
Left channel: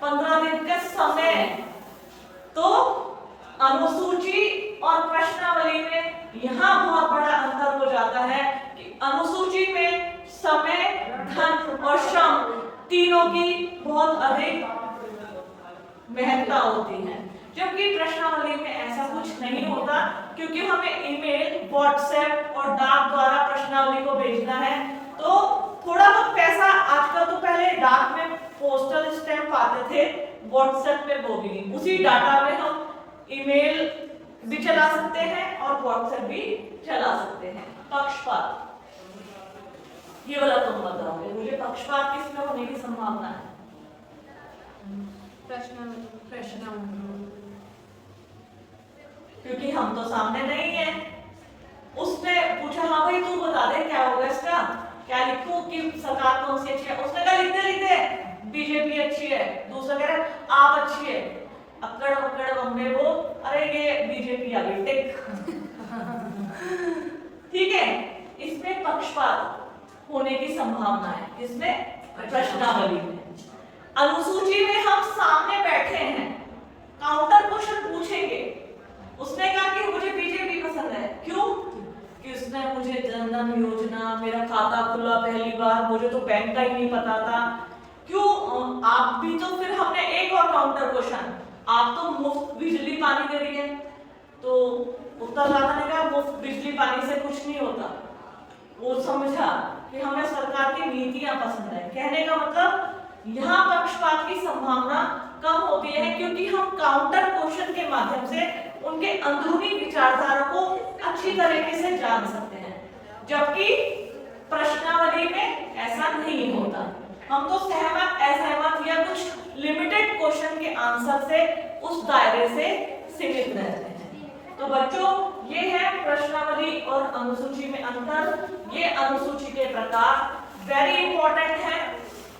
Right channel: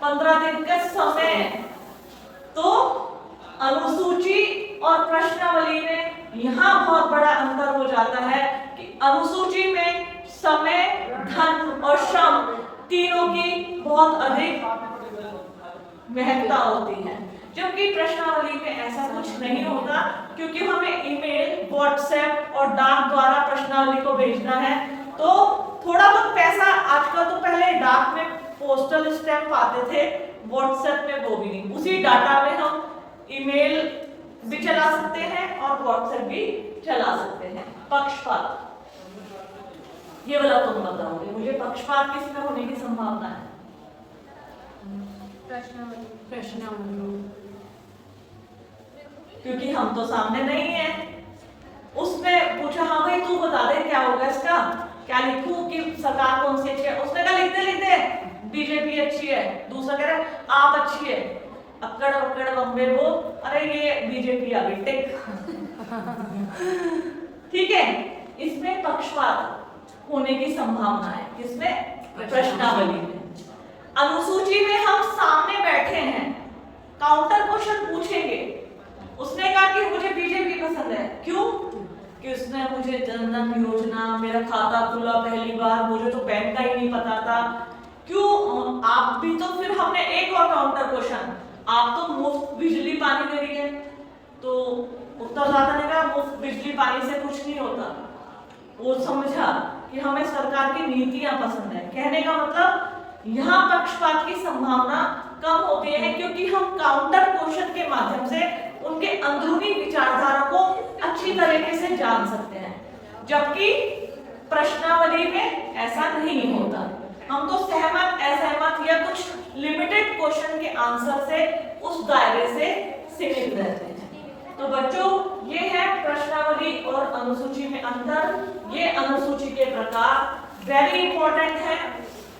15 दिन का समय। तो अनुसूची और प्रश्नावली में यहाँ बहुत बड़ा अंतर हो जाता है कि अनुसूची में समय, धन और श्रम तीनों की बहुत अधिक महत्ता होती है, जबकि प्रश्नावली में ऐसा कुछ नहीं होता, क्योंकि हमें ईमेल, व्हाट्सएप और डाक द्वारा प्रश्नावली को भेजना है। तो थोड़ा बहुत पैसा, आजकल तो पहले डाक में पोस्टल स्टैंप आते थे, व्हाट्सएप में वो भी नहीं। उसी डाटा में हम ईमेल भी चला सकते हैं और व्हाट्सएप भी चला सकते हैं। पक्षपात, ये वाला तुम बताओगे मुझे, पक्षपात किसमें होने की संभावना है? क्योंकि हम तो सामने नहीं है। उसने पूछा हाँ भाई तू बता दे क्या होगा इसका, क्या लिखूं कि सरकार कौन सी अच्छी है? उसने कहा लिखते लिखते बीजेपी अच्छी है, दूसरा कह रहा है आप अच्छी है, अक्कड़ पक्कड़ बम्बे वो, अरे ये बीजेपी अभी टिक। ठीक है, इसमें पक्षपात होने की संभावना है। किसमें? प्रश्नावली में। अनुसूची में हम सामने बैठे हैं, काउंटर क्वेश्चन पूछेंगे। उसने कहा कि मुझे बीजेपी पसंद है, क्यों? कि उसने मुझे जनधन योजना, मेरा खाता खुला पहली बार, मुझे तो बैंक का ही नहीं पता था। क्यों? आप भी तो, फिर हमने एक और काउंटर क्वेश्चन, आप तो मुफ्त बिजली पानी दे रही है, तो उत्तरदाता ने कहा मुफ्त बिजली पानी से कुछ नहीं होता। वो समझा कि हमें सरकार की नीतियां पसंद है। कहने का मतलब यहाँ पक्षपात की संभावना कम होती है, क्योंकि हम काउंटर क्वेश्चन के माध्यम से उनके अंदरूनी विचारधारा को अच्छी तरीके से जान सकते हैं। जबकि प्रश्नावली में ऐसा नहीं होता। हम तो सहमत, असहमत या कुछ लिमिटेड क्वेश्चन के आंसर से उस दायरे से सीमित रहते हैं। तो बच्चों, ये है प्रश्नावली और अनुसूची में अंतर। ये अनुसूची के प्रकार वेरी इंपॉर्टेंट है।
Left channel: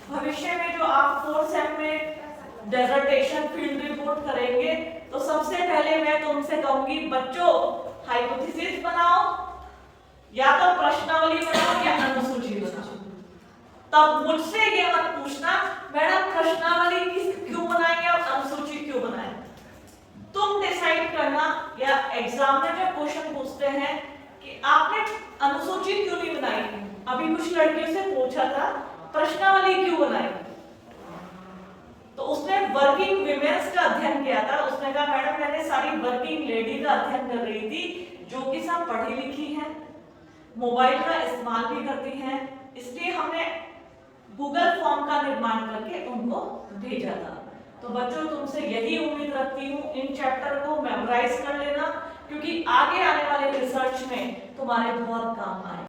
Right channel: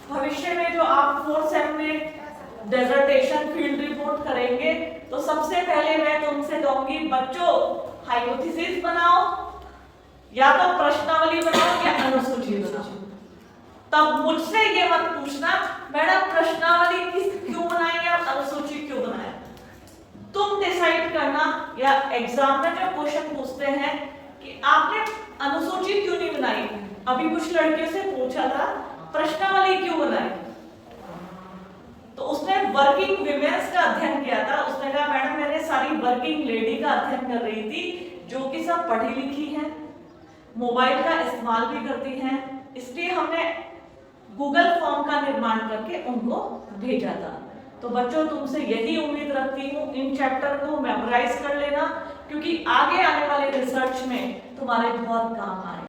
भविष्य में जो आप 4th सेम में डेजर्टेशन फील्ड रिपोर्ट करेंगे तो सबसे पहले मैं तुमसे कहूंगी बच्चों, हाइपोथेसिस बनाओ, या तो प्रश्नावली बनाओ या अनुसूची बनाओ। तब मुझसे ये मत पूछना मैडम प्रश्नावली क्यों बनाएंगे और अनुसूची क्यों बनाएं। तुम डिसाइड करना, या एग्जामिनर जब क्वेश्चन पूछते हैं कि आपने अनुसूची क्यों नहीं बनाई, अभी कुछ लड़कियों से पूछा था प्रश्नावली क्यों बनाई, तो उसने वर्किंग विमेन्स का अध्ययन किया था। उसने कहा मैडम मैंने सारी वर्किंग लेडी का अध्ययन कर रही थी जो कि सब पढ़ी लिखी हैं, मोबाइल का इस्तेमाल भी करती हैं, इसलिए हमने गूगल फॉर्म का निर्माण करके उनको भेजा था। तो बच्चों, तुमसे यही उम्मीद रखती हूँ इन चैप्टर को मेमोराइज कर लेना, क्योंकि आगे आने वाले रिसर्च में तुम्हारे बहुत काम आए।